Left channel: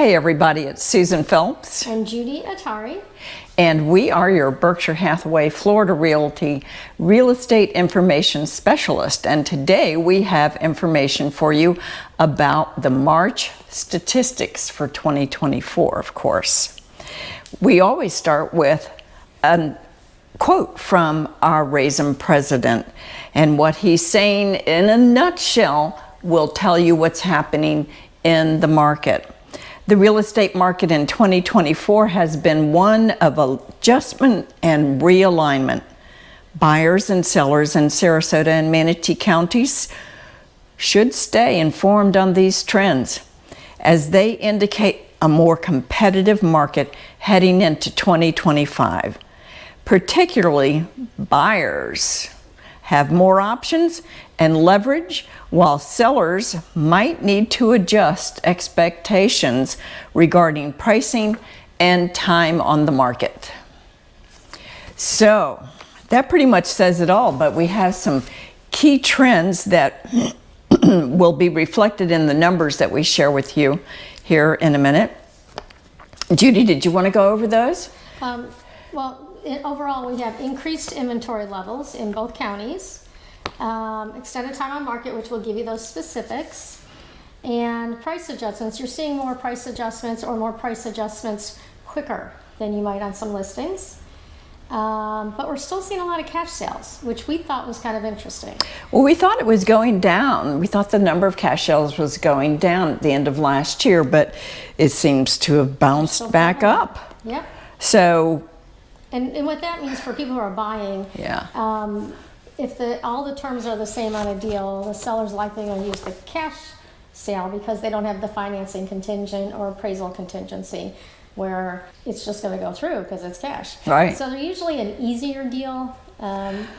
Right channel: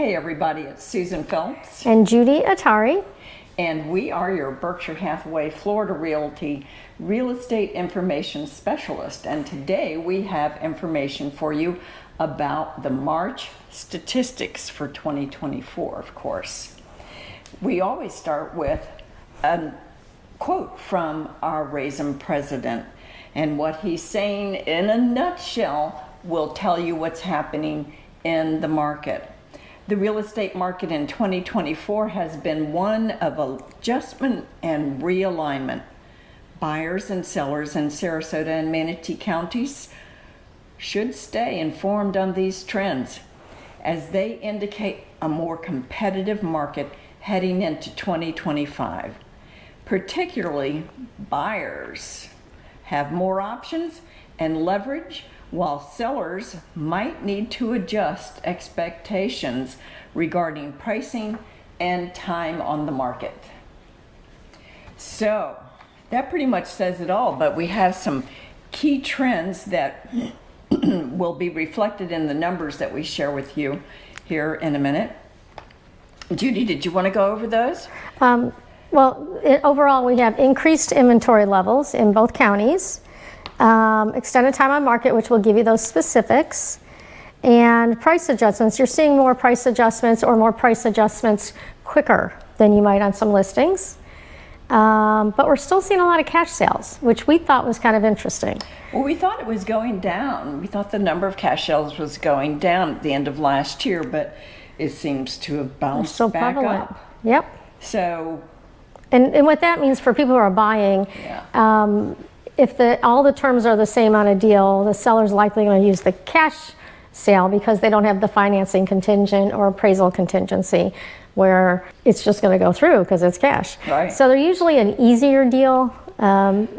Hey everybody, it's Susan Phelps. And Judy Atari. And we are your Berkshire Hathaway Florida Realty Real Estate Information Specialist. And today we have information for you about the March statistics for 2024, of course. We always start with a quote from our Raisin president. And what he's saying in a nutshell will tell you what's happening in the market. The real estate market in 2024 has been one of adjustment and realignment. Buyers and sellers in Sarasota and Manatee counties should stay informed on these trends as they indicate a more competitive market heading into 2025. Particularly, buyers have more options and leverage, while sellers might need to adjust expectations regarding pricing and time on the market. So that pretty much says it all, but we have some key trends that will be reflected in the numbers that we share with you here in a minute. Judy, did you want to go over those? Overall, we have increased inventory levels in both counties. Extended time on market, which will give you those specifics, and price adjustments. You're seeing more price adjustments quicker than you might on some listings. But we're still seeing a lot of cash sales, which we thought was kind of interesting. Well, we thought it was going down. We thought the number of cash sales was going down at the end of last year, but it seems to have bounced back up. Yep. So, and what that means for people who are buying, if all the terms are the same on a deal, the seller's likely going to use the cash sale because they don't have the financing contingent or appraisal contingency where it's just going to go through because it's cash. Right. So they're usually an easier deal,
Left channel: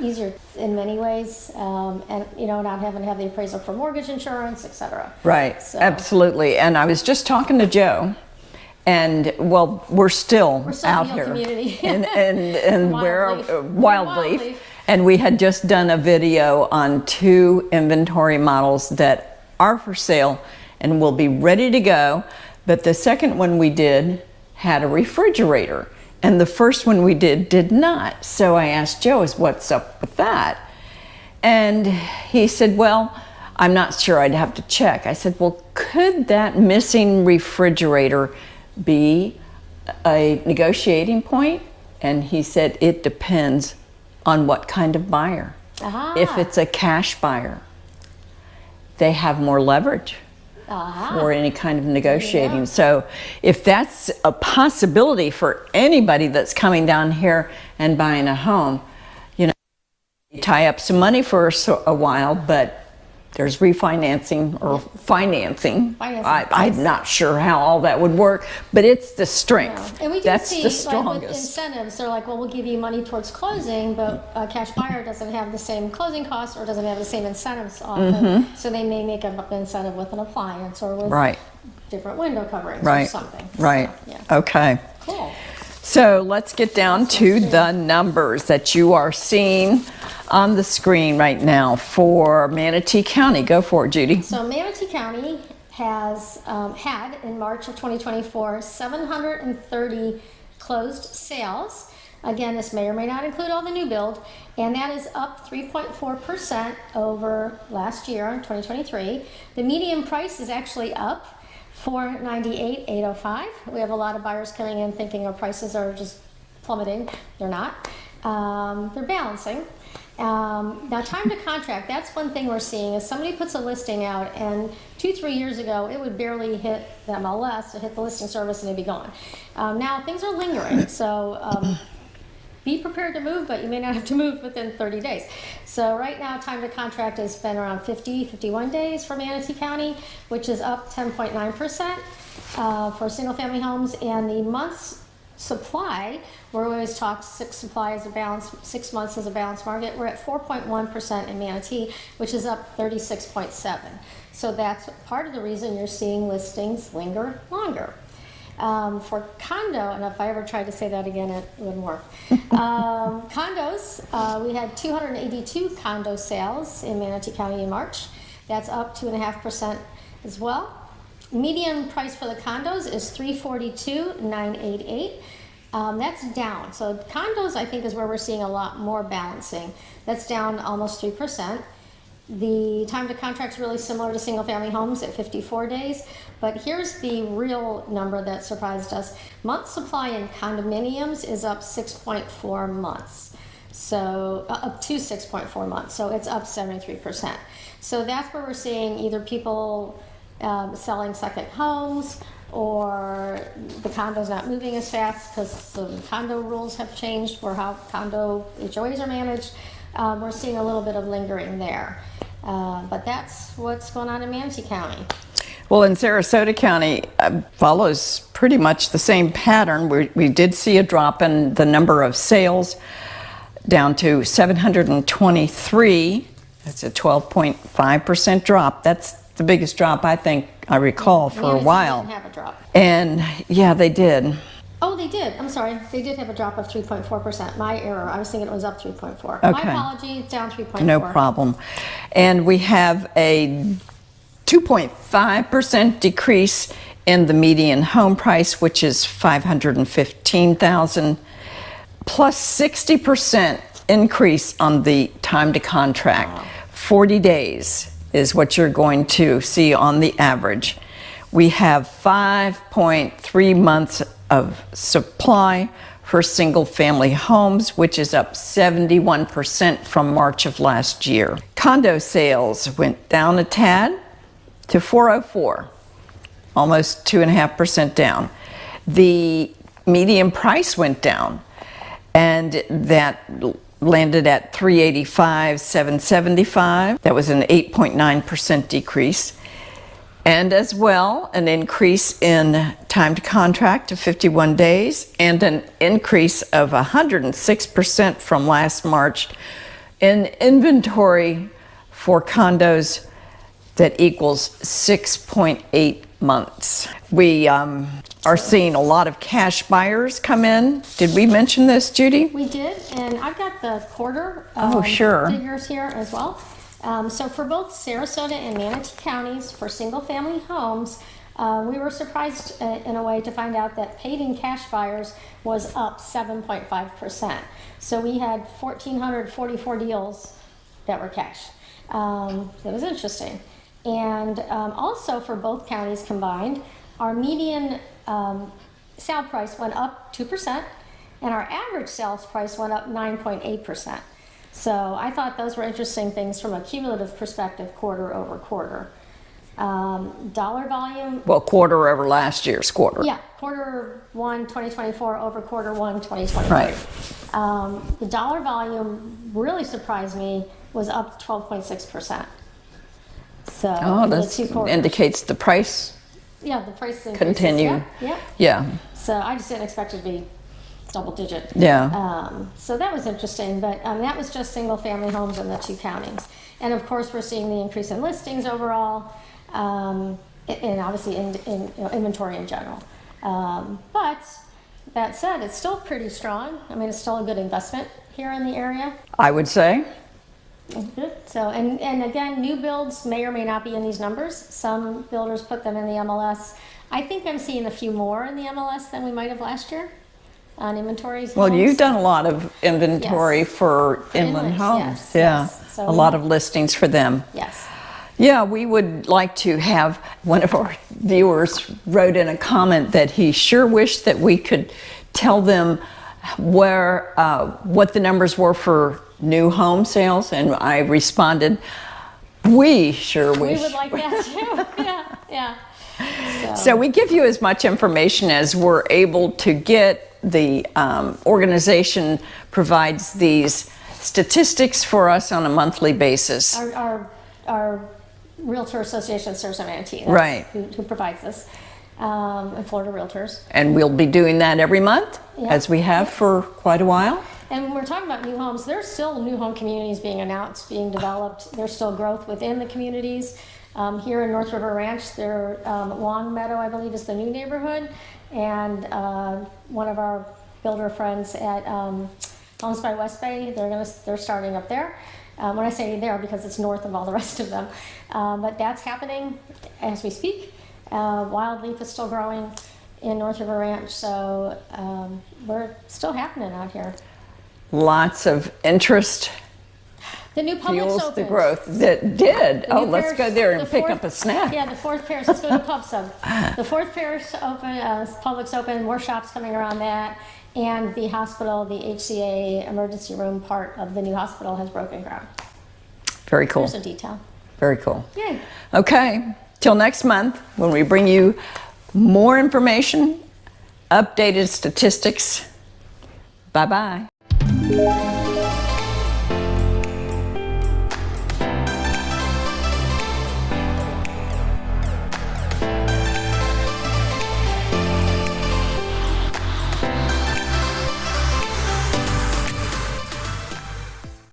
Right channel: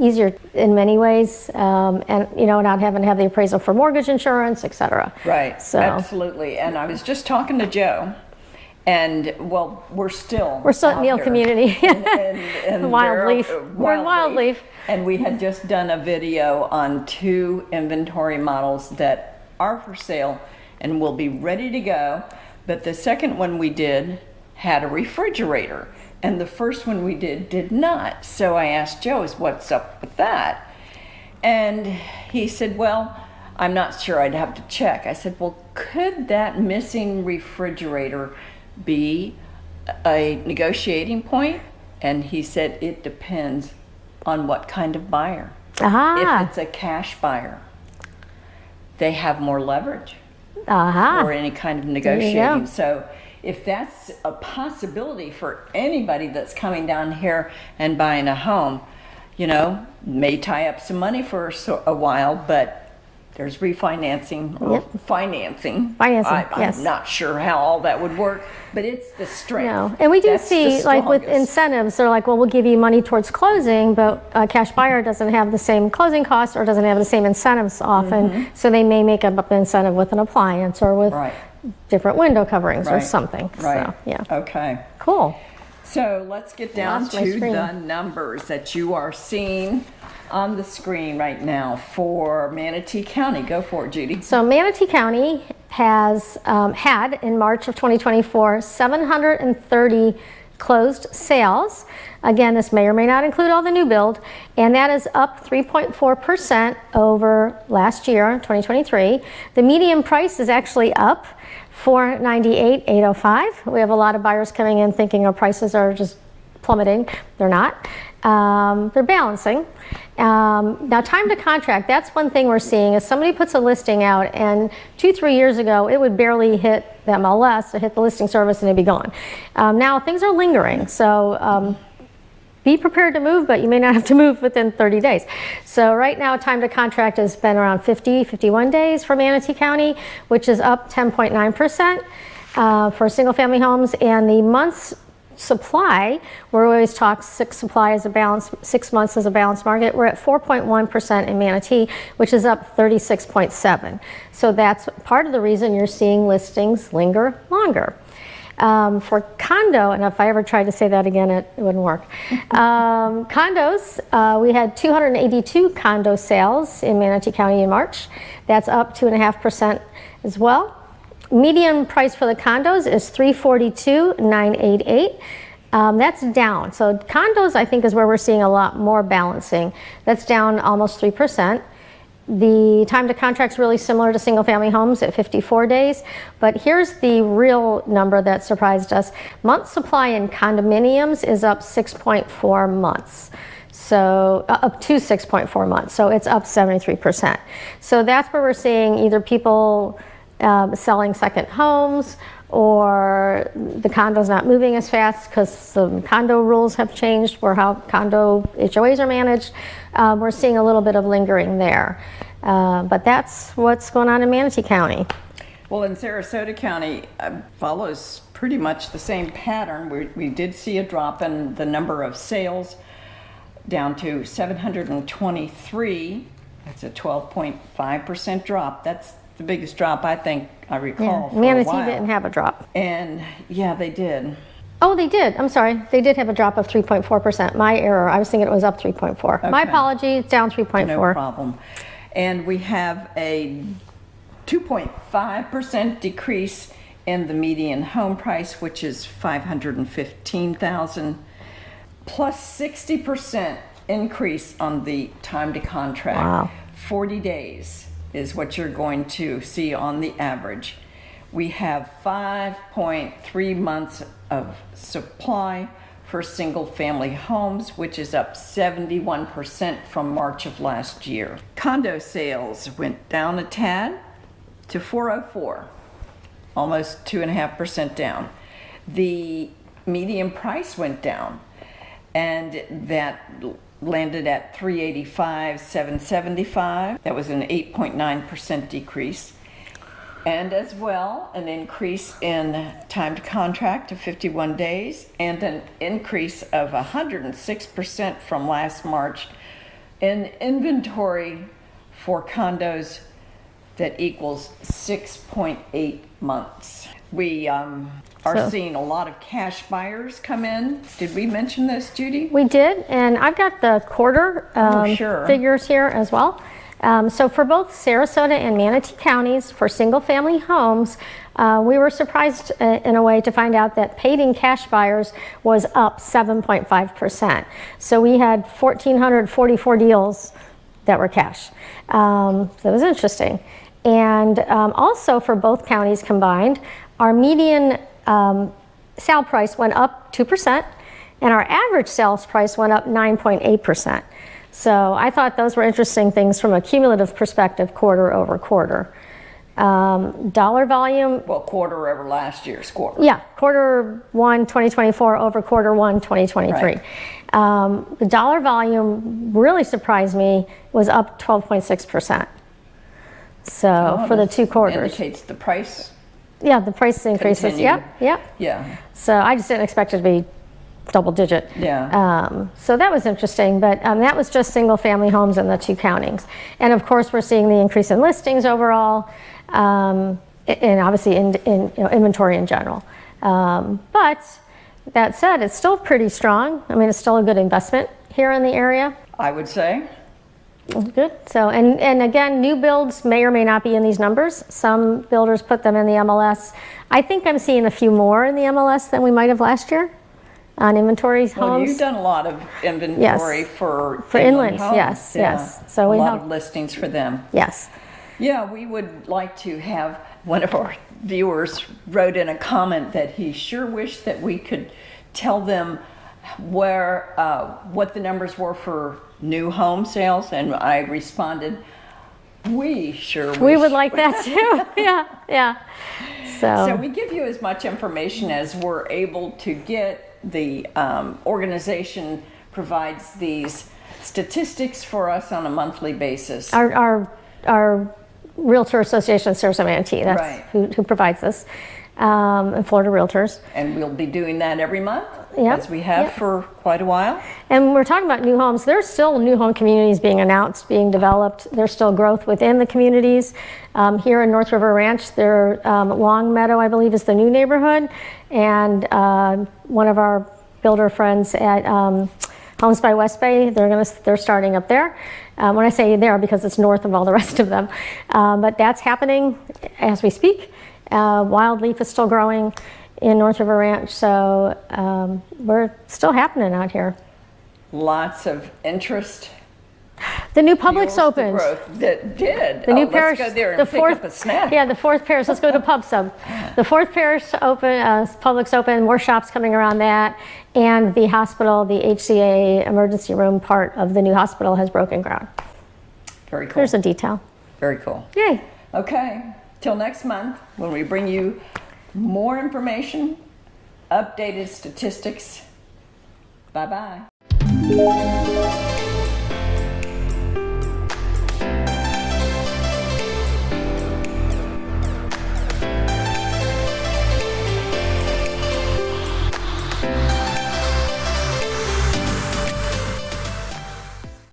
easier in many ways, and not having to have the appraisal for mortgage insurance, etc. Right. So absolutely. And I was just talking to Joe. And well, we're still out Neal here. Community and Wild Leaf. And we had just done a video on 2 inventory models that are for sale and will be ready to go. But the second one we did had a refrigerator, and the first one we did not. So I asked Joe, what's up with that? And he said, well, I'm not sure, I'd have to check. I said, well, could that missing refrigerator be a negotiating point? And he said it depends on what kind of buyer. If it's a cash buyer, they have more leverage for any kind of negotiating. So if that's a possibility for anybody that's coming down here and buying a home, may tie up some money for a while, but there's refinancing or financing. I'm not sure how all that would work, but it's the strength. No. And we do see, like with incentives, they're like, well, we'll give you money towards closing, but a cash buyer doesn't have the same closing costs or doesn't have the same incentives often. So they may make up an incentive with an appliance or with different window coverings or something. Right. So, Okay. Cool. So let's get down to the numbers that you are seeing on the screen right now for Manatee County. Go for it, Judy. So Manatee County has had in March of 2024 730 closed sales. Again, this may or may not include all the new build, and that is up 3.4% over last year, 2023. The median price is actually up $498,805. We have a lot of buyers coming in thinking our prices are just plummeting. They're not. They're balancing. Now, time to contract, that's one thing we're seeing is somebody puts a listing out, and 2-3 years ago it would barely hit the MLS or hit the listing service and it'd be gone. Now things are lingering, so be prepared to move, but you may not have to move within 30 days. So right now, time to contract has been around 51 days for Manatee County, which is up 10.9% for single family homes, and the month's supply, we always talk 6 months as a balanced market. We're at 4.1% in Manatee, which is up 36.7. So that's part of the reason you're seeing listings linger longer. For condo, and if I ever tried to say that again, it wouldn't work. Condos, we had 282 condo sales in Manatee County in March. That's up 2.5% as well. Median price for the condos is $342,988. That's down. So condos, I think, is where we're seeing a lot more balancing. That's down almost 3%. The time to contract is really similar to single family homes at 54 days. But here's the real number that surprised us. Month supply in condominiums is up 6.4 months. So up to 6.4 months. So it's up 73%. So that's where we're seeing either people selling second homes, or the condo's not moving as fast because some condo rules have changed for how condo HOAs are managed. We're seeing a little bit of lingering there. But that's what's going on in Manatee County. Well, in Sarasota County, follows pretty much the same pattern. We did see a drop in the number of sales down to 723. That's a 12.5% drop. That's the biggest drop I think I recall for Manatee a while. didn't have a drop. And yeah, they did. Oh, they did. I'm sorry. They did have a drop of 3.4%. My error. I was thinking it was up 3.4. My Okay. apology. It's down 3.4. No problem. And we have a 2.5% decrease in the median home price, which is $515,000, plus 60% increase on the time to contract. Wow. 40 days is what you're going to see on the average. We have 5.3 months of supply for single family homes, which is up 71% from March of last year. Condo sales went down a tad to 404, almost 2.5% down. The median price went down, and that landed at 385,775. That was an 8.9% decrease. And as well, an increase in time to contract to 51 days, and an increase of 106% from last March in inventory for condos that equals 6.8 months. We are seeing a lot of cash buyers come in. Did we mention this, Judy? We did, and I've got the quarter sure. figures here as well. So for both Sarasota and Manatee counties, for single family homes, we were surprised in a way to find out that paid-in cash buyers was up 7.5%. So we had 1,444 deals that were cash. So it was interesting. And also for both counties combined, our median sale price went up 2%, and our average sales price went up 9.8%. So I thought those were interesting things from a cumulative perspective, quarter over quarter. Dollar volume. Well, quarter over last year's quarter. Yeah, quarter one 2024 over quarter one 2023. Right. The dollar volume really surprised me, was up 12.6%. So for the two quarters. Indicates the price. Yeah, the price increases. Continue. Yeah. Yeah. So I just didn't expect it to be double digit. Yeah. So that was interesting, but that was just single family homes in the two counties. And of course, we're seeing the increase in listings overall, and obviously in inventory in general. But that said, it's still pretty strong. I mean, it's still a good investment here in the area. I would say. Good. So, and again, new builds may or may not be in these numbers. Some builders put them in the MLS. I think I'm seeing a few more in the MLS than we might have last year on inventories. Well, homes. you've done a lot of inventory for inland homes. yes, Yeah. yes. So a we lot have- of listings for them. Yes. Yeah, we would like to have one of our viewers wrote in a comment that he sure wished that we could tell them where what the numbers were for new home sales, and I responded, we sure wish. We would like that too. Yeah. So we give you as much information as we're able to get. The organization provides these statistics for us on a monthly basis. Our Realtor Association of Sarasota Manatee, that's Right. who provides this, and Florida Realtors. And we'll be doing that every month, Yeah. as we have for quite a while. And when we're talking about new homes, there's still new home communities being announced, being developed. There's still growth within the communities. Here in North River Ranch, Long Meadow, I believe, is the new neighborhood. And one of our builder friends at Homes by West Bay, they're starting up there. When I say there, because it's north of all the rest of them. But that's happening as we speak. Wild leaf is still growing in North River Ranch, so we're still happening out here. Lots of interest. The new Publix Fuels the opened. growth. That did. The new Let's parish, go there and the pick fourth, up a snack. Yeah, the fourth parish. Let's go to Pub Sub. The fourth parish open, Publix open. More shops coming around that, and the hospital, the HCA emergency room part of the new hospital has broken ground. Very cool. There's a detail. Very cool. Yay! Okay. Till next month, when we bring you more information, updated statistics. Bye-bye.